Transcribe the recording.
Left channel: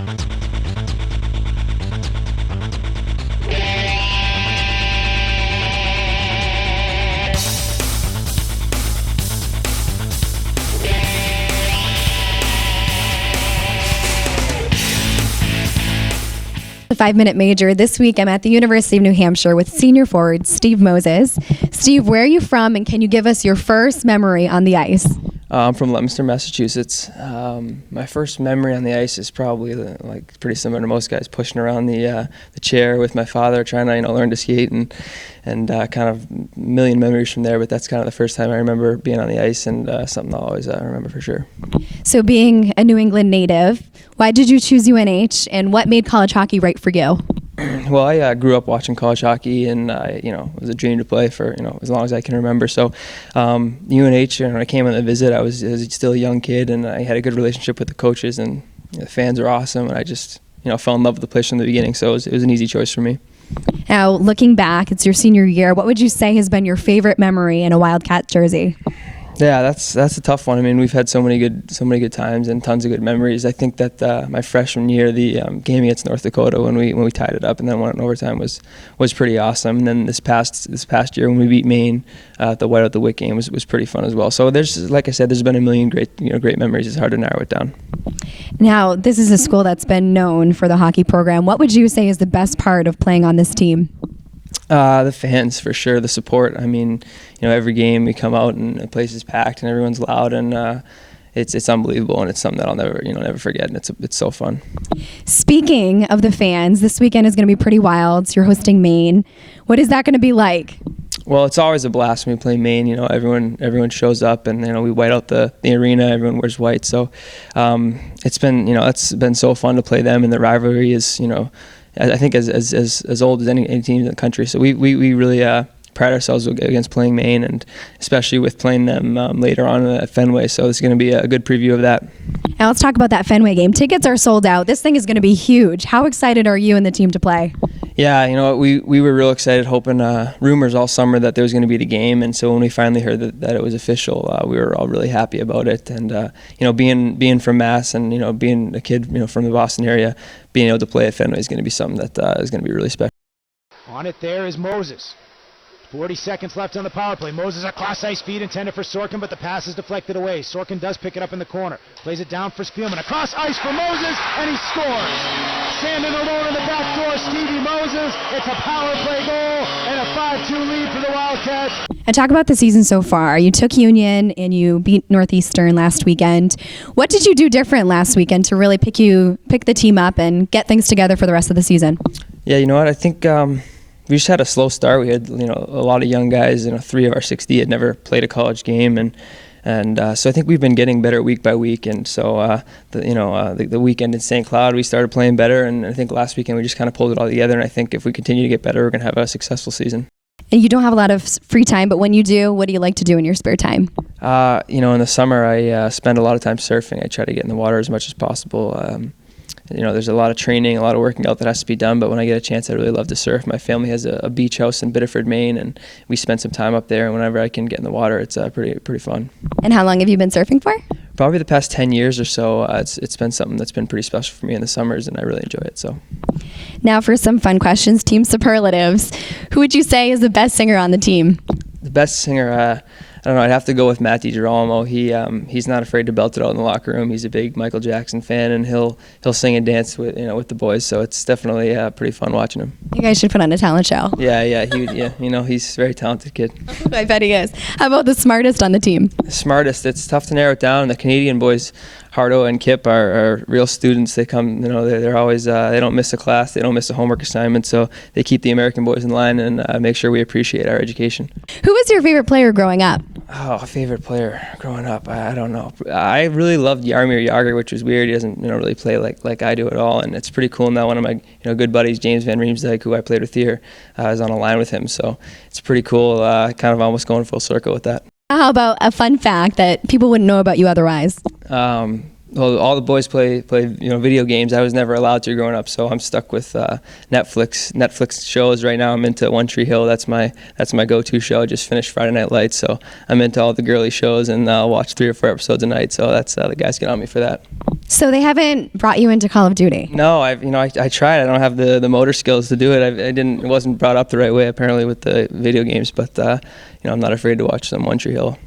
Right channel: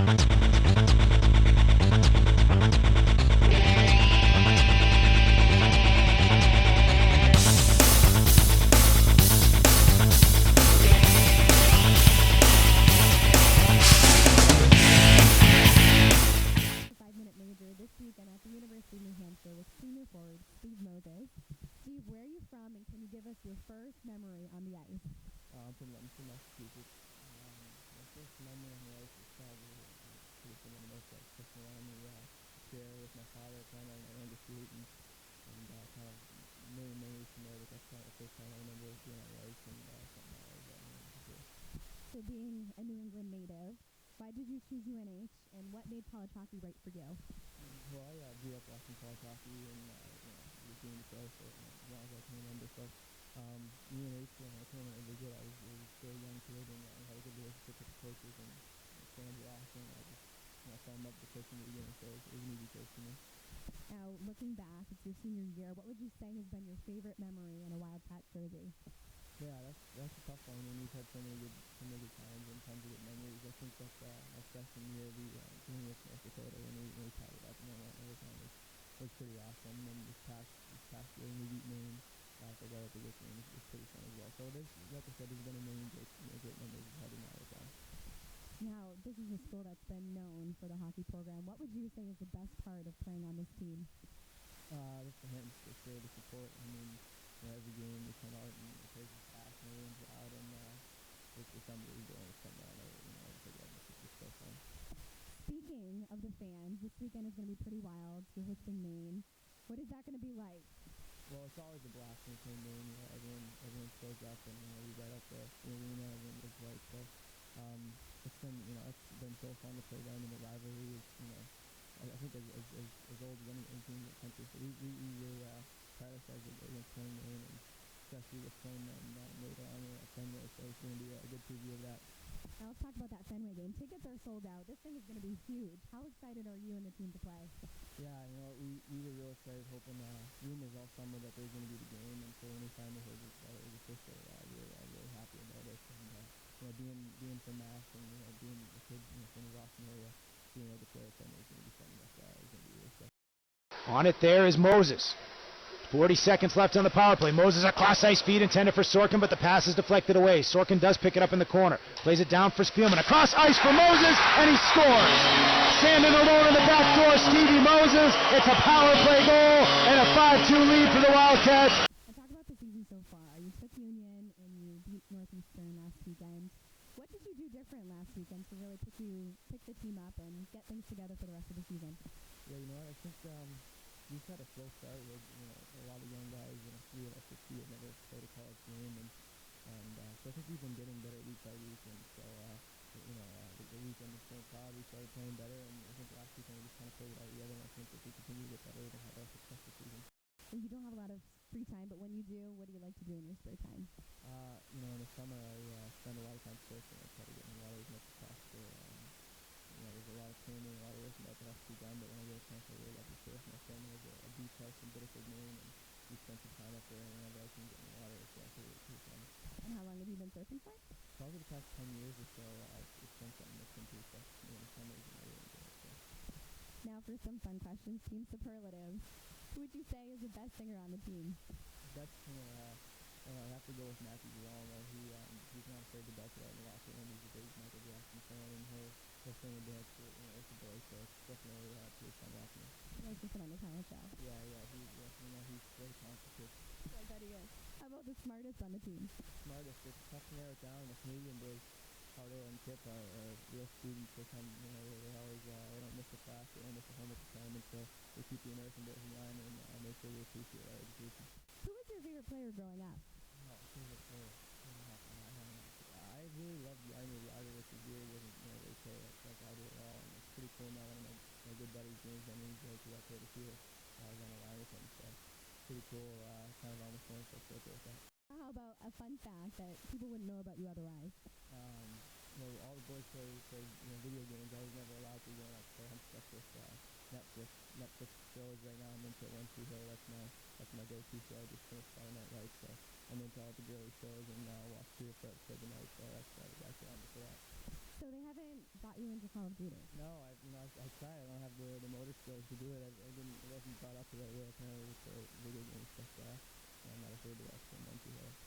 The 5-minute major. This week I'm at the University of New Hampshire with senior forward Steve Moses. Steve, where are you from, and can you give us your first memory on the ice? I'm from Leominster, Massachusetts. My first memory on the ice is probably pretty similar to most guys, pushing around the chair with my father, trying to learn to skate, and kind of a million memories from there. But that's kind of the first time I remember being on the ice, and something I'll always remember for sure. So, being a New England native, why did you choose UNH, and what made college hockey right for you? Well, I grew up watching college hockey, and it was a dream to play for as long as I can remember. So, UNH, when I came on the visit, I was still a young kid, and I had a good relationship with the coaches, and the fans were awesome, and I just fell in love with the place from the beginning. So it was an easy choice for me. Now, looking back, it's your senior year. What would you say has been your favorite memory in a Wildcat jersey? Yeah, that's a tough one. I mean, we've had so many good times and tons of good memories. I think that my freshman year, the game against North Dakota when we tied it up and then went in overtime was pretty awesome. And then this past year when we beat Maine, the Whiteout the Wick game was pretty fun as well. So like I said, there's been a million great memories. It's hard to narrow it down. Now, this is a school that's been known for the hockey program. What would you say is the best part of playing on this team? The fans, for sure. The support. I mean, every game we come out and the place is packed and everyone's loud, and it's unbelievable, and it's something that I'll never forget, and it's so fun. Speaking of the fans, this weekend is going to be pretty wild. You're hosting Maine. What is that going to be like? Well, it's always a blast when we play Maine. Everyone shows up, and we white out the arena. Everyone wears white, so it's been so fun to play them, and the rivalry is I think as old as any team in the country. So we really pride ourselves against playing Maine, and especially with playing them later on at Fenway. So it's going to be a good preview of that. Now let's talk about that Fenway game. Tickets are sold out. This thing is going to be huge. How excited are you and the team to play? Yeah, we were real excited, hoping rumors all summer that there was going to be the game, and so when we finally heard that it was official, we were all really happy about it. And being from Mass and being a kid from the Boston area, being able to play at Fenway is going to be something that is going to be really special. On it there is Moses. 40 seconds left on the power play. Moses across ice feed intended for Sorkin, but the pass is deflected away. Sorkin does pick it up in the corner. Plays it down for Spielman. Across ice for Moses, and he scores. Standing alone in the back door, Stevie Moses. It's a power play goal and a 5-2 lead for the Wildcats. And talk about the season so far. You took Union and you beat Northeastern last weekend. What did you do different last weekend to really pick the team up and get things together for the rest of the season? Yeah, you know what? I think we just had a slow start. We had a lot of young guys. 3 of our 60 had never played a college game, and so I think we've been getting better week by week. And so the weekend in St. Cloud we started playing better, and I think last weekend we just kind of pulled it all together. And I think if we continue to get better, we're going to have a successful season. And you don't have a lot of free time, but when you do, what do you like to do in your spare time? In the summer I spend a lot of time surfing. I try to get in the water as much as possible. There's a lot of training, a lot of working out that has to be done, but when I get a chance, I really love to surf. My family has a beach house in Biddeford, Maine, and we spend some time up there, and whenever I can get in the water, it's pretty fun. And how long have you been surfing for? Probably the past 10 years or so. It's been something that's been pretty special for me in the summers, and I really enjoy it. So, now for some fun questions, team superlatives. Who would you say is the best singer on the team? The best singer, I don't know. I'd have to go with Matt DiGirolamo. He's not afraid to belt it out in the locker room. He's a big Michael Jackson fan, and he'll sing and dance with the boys. So it's definitely pretty fun watching him. You guys should put on a talent show. Yeah. He's a very talented kid. I bet he is. How about the smartest on the team? The smartest. It's tough to narrow it down. The Canadian boys, Hardo and Kip, are real students. They come. They're always. They don't miss a class. They don't miss a homework assignment. So they keep the American boys in line and make sure we appreciate our education. Who was your favorite player growing up? Oh, a favorite player growing up. I don't know. I really loved Jaromir Jagr, which was weird. He doesn't really play like I do at all, and it's pretty cool now. One of my good buddies, James Van Riemsdyk, who I played with here, is on a line with him. So it's pretty cool. Kind of almost going full circle with that. How about a fun fact that people wouldn't know about you otherwise? well, all the boys play video games. I was never allowed to growing up, so I'm stuck with Netflix shows right now. I'm into One Tree Hill. That's my go-to show. I just finished Friday Night Lights, so I'm into all the girly shows, and I'll watch 3 or 4 episodes a night. So that's the guys get on me for that. So they haven't brought you into Call of Duty? No, I tried. I don't have the motor skills to do it. It wasn't brought up the right way apparently with the video games, but I'm not afraid to watch some One Tree Hill.